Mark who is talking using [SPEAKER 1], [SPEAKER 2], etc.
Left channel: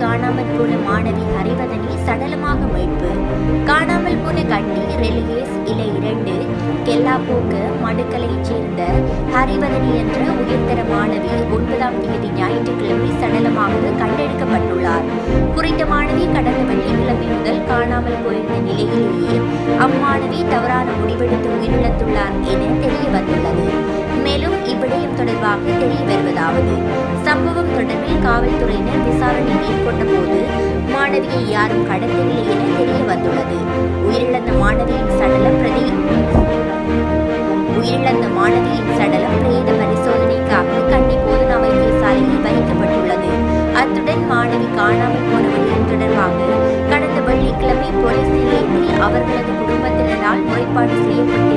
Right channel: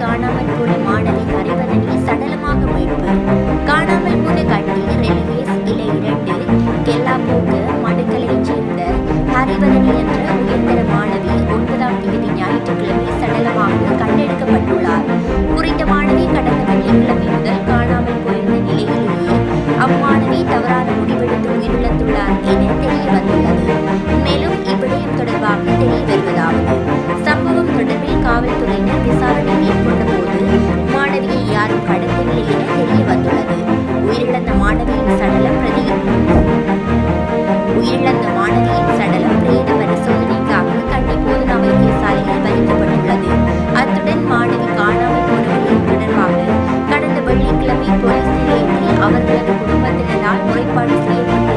[SPEAKER 1] காணாமல் போன மாணவி ஹரிவதனி சடலமாக மீட்பு காணாமல் போன கண்டி ரெலிகேஸ் இலை இரண்டு கெல்லாப்போக்கு மடுக்கலையைச் சேர்ந்த ஹரிவதனி என்ற உயர்தர மாணவி ஒன்பதாம் தேதி ஞாயிற்றுக்கிழமை சடலமாக கண்டெடுக்கப்பட்டுள்ளார். குறித்த மாணவி கடந்த வெள்ளிக்கிழமை முதல் காணாமல் போயிருந்த நிலையிலேயே அம்மாணவி தவறான முடிவெடுத்து உயிரிழந்துள்ளார் என தெரிய வந்துள்ளது. இவ்விடயம் தொடர்பாக தெரிய வருவதாவது சம்பவம் தொடர்பில் காவல்துறையினர் விசாரணை மேற்கொண்ட போது மாணவியை யாரும் கடத்தவில்லை என தெரிய வந்துள்ளது உயிரிழந்த மாணவியின் சடலம் பிரதி உயிரிழந்த மாணவியின் சடலம் பிரேத பரிசோதனைக்காக கண்டி போதனா வைத்தியசாலையில் வைக்கப்பட்டுள்ளது. அத்துடன் மாணவி காணாமல் போன விடயம் தொடர்பாக கடந்த வெள்ளிக்கிழமை போலீஸ் நிலையத்தில் அவர்களது குடும்பத்தினரால் முறைப்பாடு செய்யப்பட்டிருந்தது